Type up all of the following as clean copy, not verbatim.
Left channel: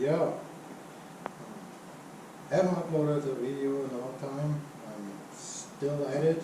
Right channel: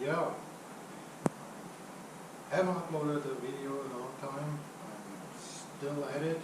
Yeah, haven't uploaded a video in a long time. I'm still at it.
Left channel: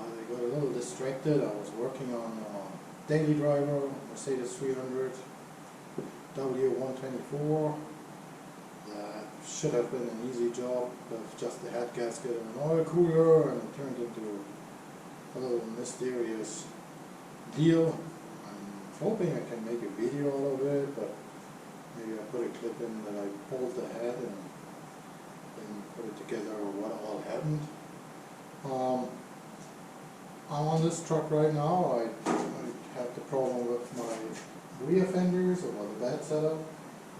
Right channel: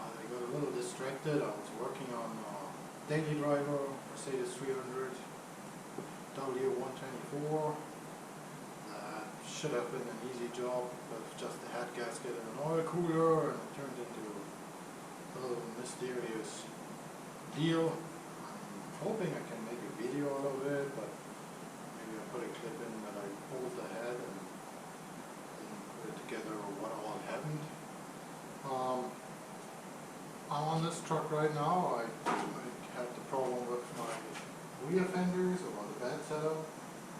I got a little distracted. I was working on a daily driver, Mercedes 300 W124. That should have been an easy job with just a head gasket and an oil cooler, and it turned into a little mysterious deal. I'm hoping I can make a video out of it, but maybe I put a clip in that I pulled the head and then put it together what all happened. I'm on this truck right now. I had the problem with my rear fenders or the bed setup.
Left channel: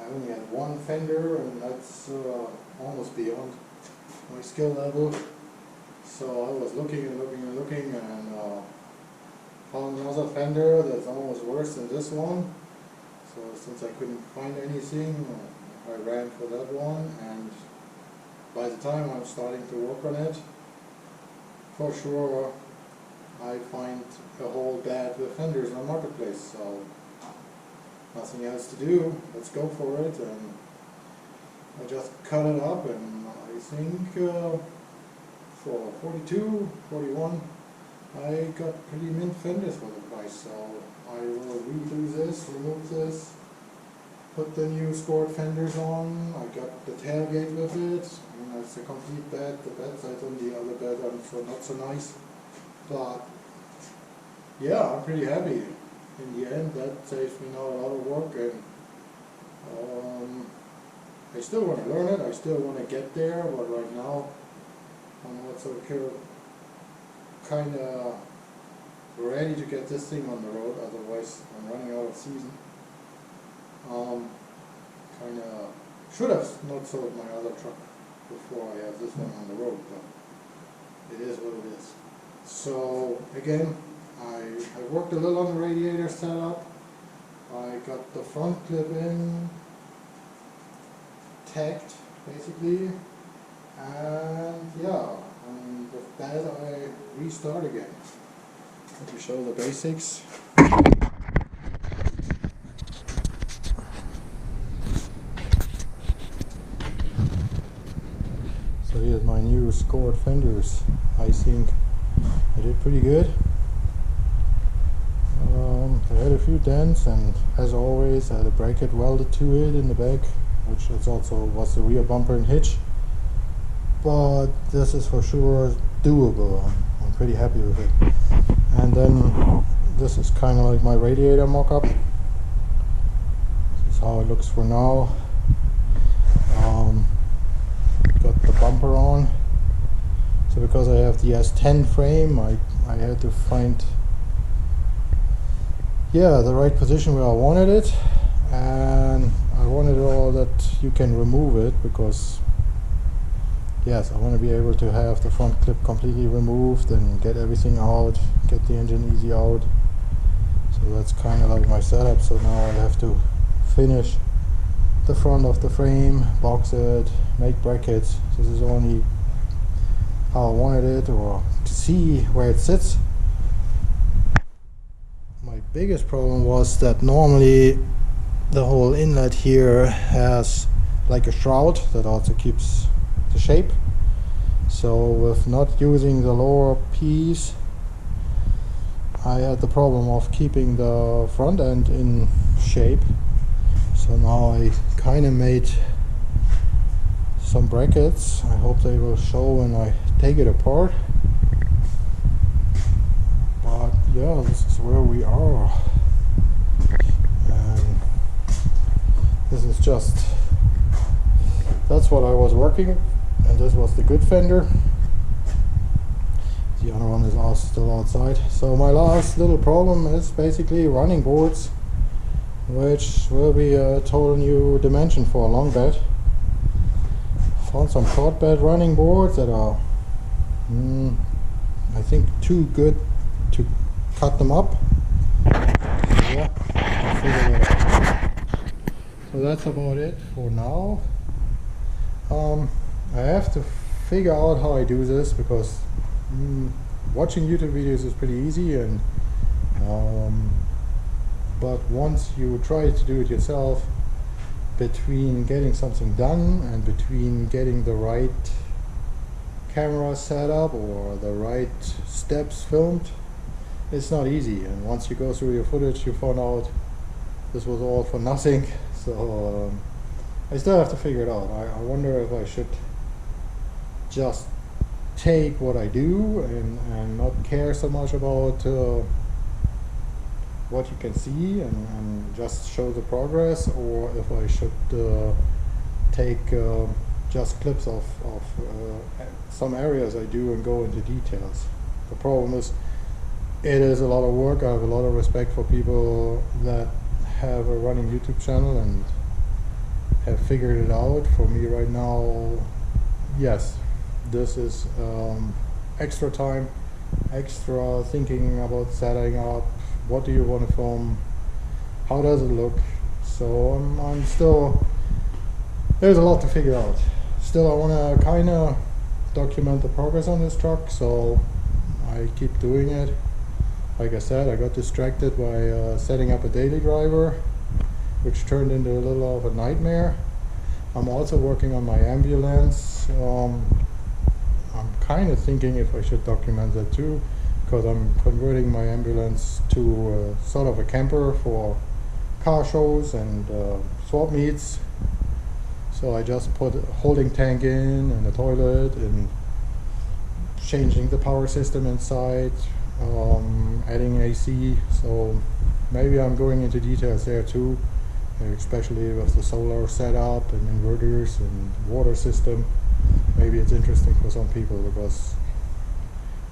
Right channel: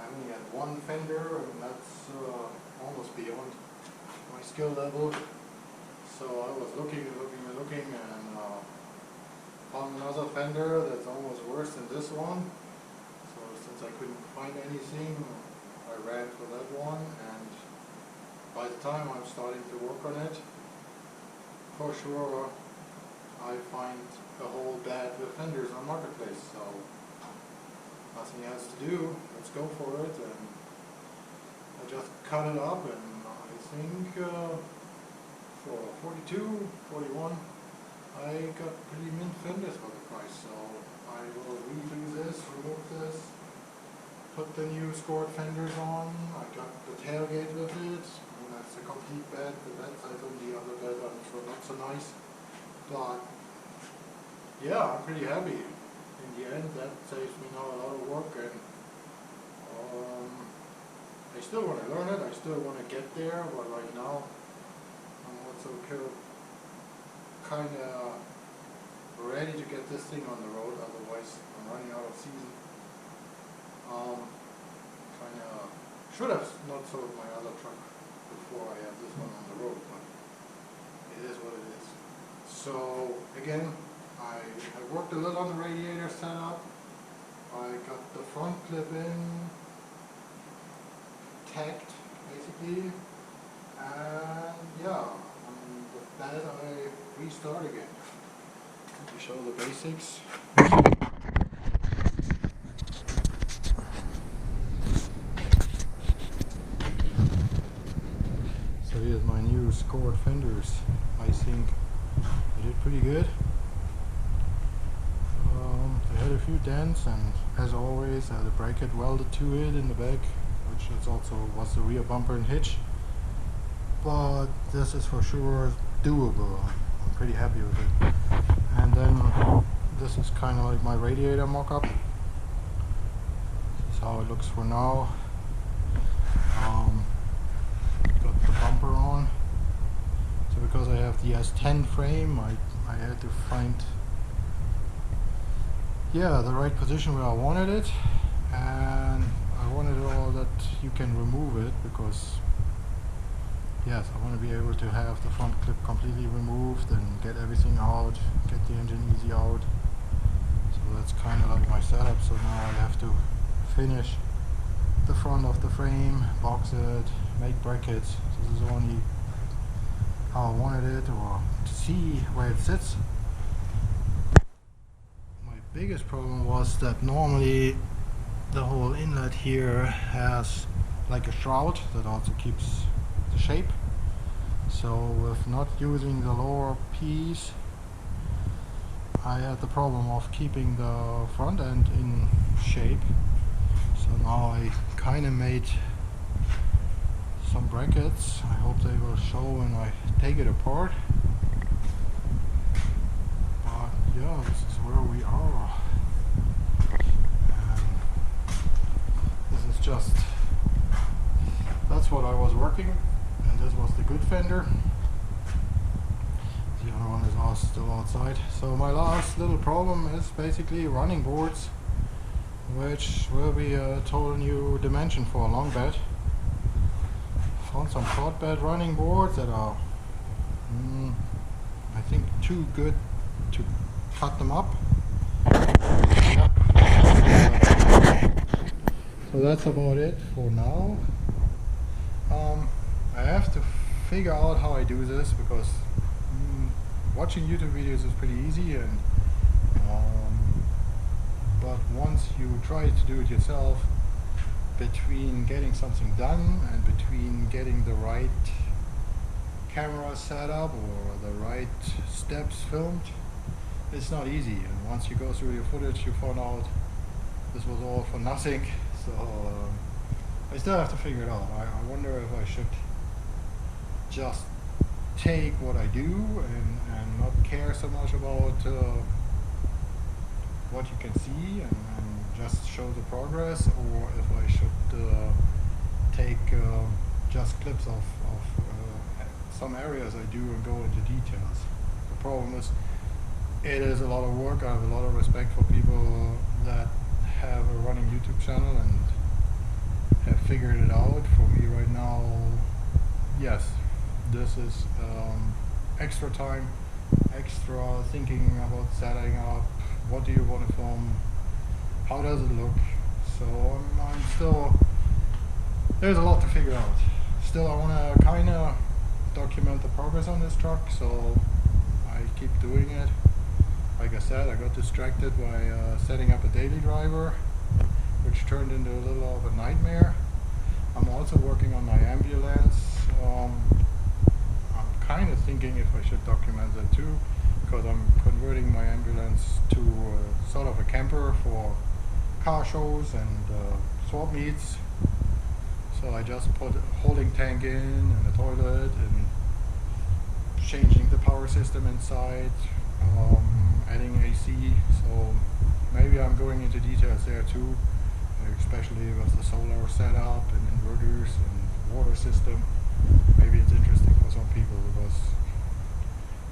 I only had one fender, and that's almost beyond my skill level. So I was looking and found another fender that's almost worse than this one. So since I couldn't find anything, I ran for that one, and by the time I'm starting to work on it, for sure I find a whole bed with fenders on Marketplace. So nothing else to do, let's go for it. And I just cut it up, and I think for 42, 41 I got pretty mint fenders for the price. So I will redo this, remove this, put the new scored fenders on. I got the tailgate with it. I mean, that's a complete bed. The bedside on the other bed are not so nice, but yeah, I'm pretty happy. In the end, that saves me now a lot of work, and I still want to learn it. I still want to get there, but right now I'm also kind of ready to get this thing on the road. Otherwise, I'm running out of season. Kind of should have not sold my other truck before I have this one on the road, but it is what it is. So again, I worked a little on the radiator setup. I got the front clip in, tacked basically, and yeah, with that I restart again. Let me show the basics. So here's my new scored fenders. I think I did pretty good. They had a few dents, and as always I had a bracket welded to it in the back, which is also was the rear bumper and hitch. But this is for sure doable. I'm pretty happy with it. And then this is kind of like my radiator mock-up. This is how it looks for now. Got the bumper on. So because I have the S10 frame, I had to find the right position where I wanted it, and I wanted it all that you can remove it, because yes, I want to be able to have the front clip completely removed and get everything out, get the engine easy out. So that's kind of like my setup. So now I have to finish the front of the frame, box it, make brackets. So this is only how I wanted it, or to see where it sits. My biggest problem was that normally the whole inlet here has like a shroud that also keeps the shape. So with not using the lower piece, I had the problem of keeping the front end in shape. So now I kind of made some brackets. I hope they will show when I take it apart. But yeah, this is where we are. And this is just, that's what I was working, and this was the good fender. The other one is also still outside. So my last little problem is basically running boards, which will be a total new dimension for a long bed. Found some short bed running boards that are I think too good to cut them up. Yeah, figure that out. So that's about it for now. I have to figure out how I do this, because watching YouTube videos is pretty easy, and but once you try to do it yourself, between getting something done and between getting the right camera set up or the right steps filmed, it's not easy. And once you go through your footage, you find out this was all for nothing. So I still have to figure it out. I wonder if I should just take what I do and not care so much about what you can see and just show the progress, or if I should take just clips of some areas I do and go into details. The problem is, it is a lot of work. I have a lot of respect for people that have a running YouTube channel and have figured it out. For me right now, yes, this is extra time, extra thinking about setting up. What do you want to film? How does it look? So I'm still, there's a lot to figure out. Still, I want to kind of document the progress on this truck, so I keep doing it. Like I said, I got distracted by setting up a daily driver, which turned into a little of a nightmare. I'm also working on my ambulance. I'm kind of thinking if I should document that too, because I'm converting my ambulance to sort of a camper for car shows and swap meets. So I just put a holding tank in and a toilet and changing the power system inside, adding AC. So maybe I'm going into details there too, especially with the solar setup and inverters and water system. Maybe it's interesting for some people because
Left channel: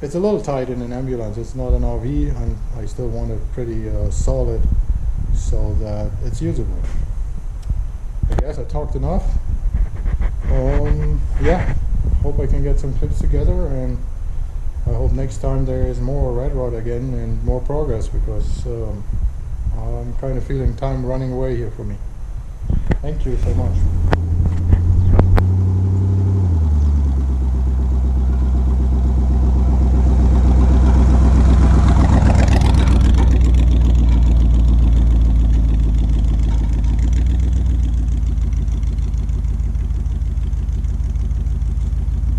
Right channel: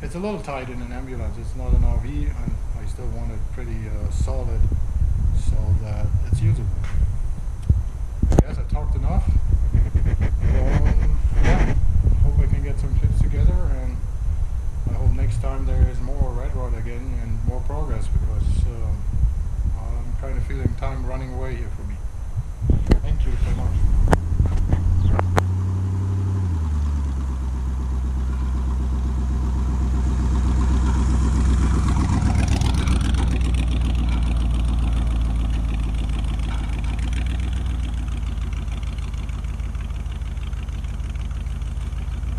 it's a little tight in an ambulance. It's not an RV, and I still want it pretty solid so that it's usable. I guess I talked enough. Yeah, hope I can get some clips together, and I hope next time there is more Red Rod again and more progress, because I'm kind of feeling time running away here for me. Thank you so much.